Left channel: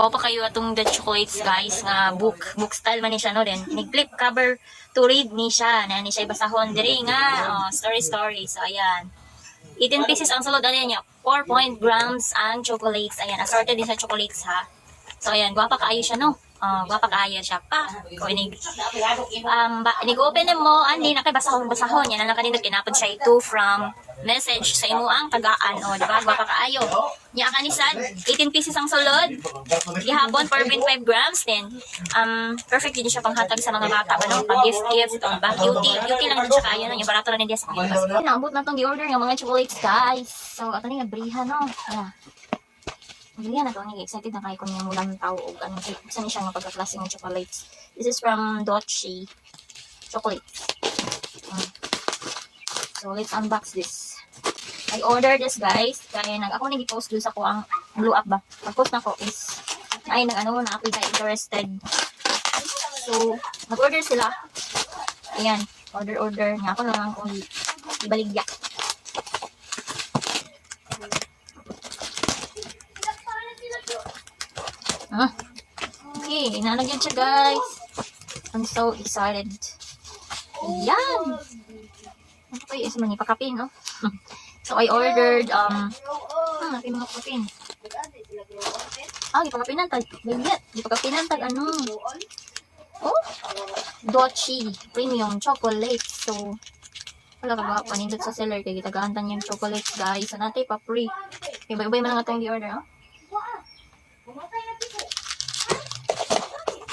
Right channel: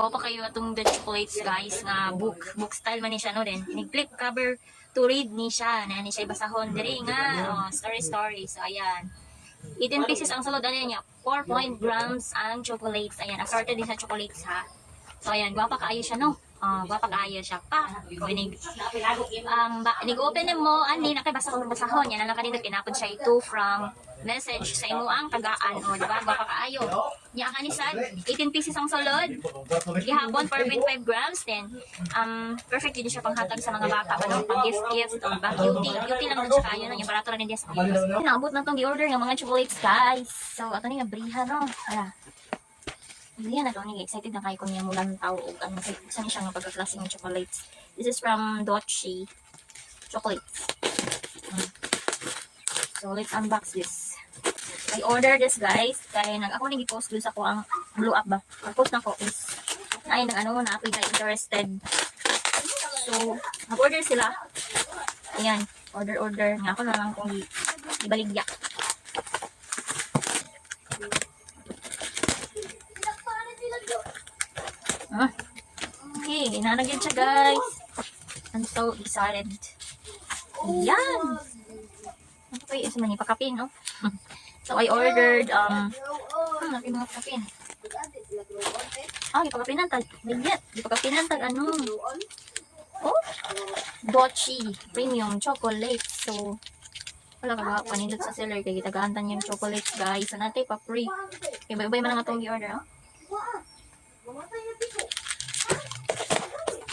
Pa kayo atong the chocolates guys nga book style man ni siya no din. Nag-flip cover to read ni siya na ni siya basahon diri nga story. So ayan. 18 pieces ang sulod ano niya. 4 grams ang chocolates. Ayan, assorted din sa chocolates ha. So ayan, gwapa kaayo siya no. Gwapa kaayo siya pa. Inig open mo ani na kay basahon yan lang kanindot kinapod siya ito from message sa imo ang tagaan o di ba gwapa kaayo. Nya kanisan 18 pieces ang sulod. Gihapon 4.5 grams din. Perfect din siya panghatag sa mga bata ano, pang gift o ba cutie lang din siya kaayo no, yung barato na din sa mga. Naabot na tong gi-order ng mga chocolates guys. So ato ni nga briha no. Yan na to, excited na kayo kung yung mulang tao o ano, gusto niya siya ng pagka-klase ng chocolates. This is from Dochi Chocolates. So, let's unbox this. I ordered this guys, kaya ako nag-post dun sa ko ang blow up ba. Pag-post na ko is, ay nag-ano na ako interested. So, nag-order sila. Ayan, order. Nga ako na lang kung ibaligya. Okay, nalagyan siya guys. I'm so excited. Yan! Ano kayo is man ipakapin, no? So I ordered natin mga pakapin. Ipakapinan tag. Ipakapinan tag ano? Oh, Dochi Premium Chocolate. So wala ka ba panindot sa seller kay gitagantan yung chocolates guys. So natay pa free. Okay, bye-bye man lang atong i-order, oh.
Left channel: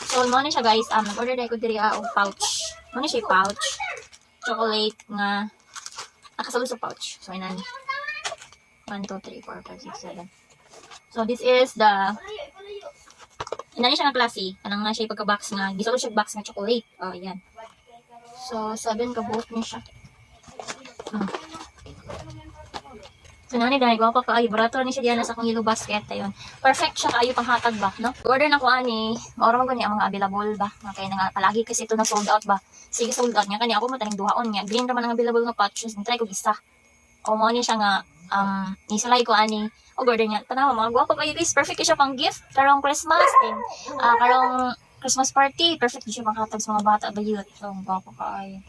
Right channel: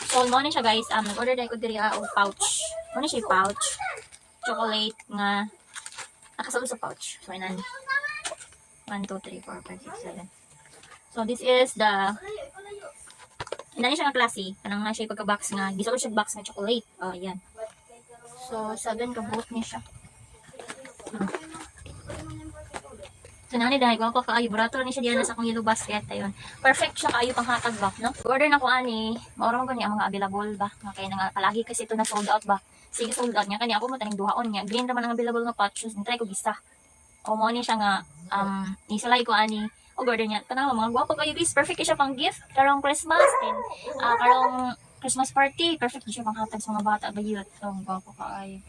So, mo na siya guys, order na ko diri og pouch. Mo na siya pouch. Chocolate nga nakasulod sa pouch. So, inan. 1, 2, 3, 4, 5, 6, 7. So, this is the inan siya nga klase. Kanang na siya pagka-box nga. Gisulod siya box nga chocolate. Ayan. So, 7 ka buhok niya siya. So, nani dahil ko kaayo. Barato ni siya diyan sa akong yellow basket. Ayun. Perfect siya kaayo panghatag ba, no? Order na ko ani. Maura man gani ang mga available ba. Kaya nga palagi kasi ito na sold out ba. Sige, sold out niya. Kani ako mo taning duhaon niya. Green raman ang available nga pouches. Try ko gisa. O mo ni siya nga nisalay ko ani. Order niya. Tanawa mga gwapo kayo guys. Perfect siya pang gift. Karong Christmas and karong Christmas party. Perfect siya panghatag sa mga bata ba yun. So, gwapo kaayo.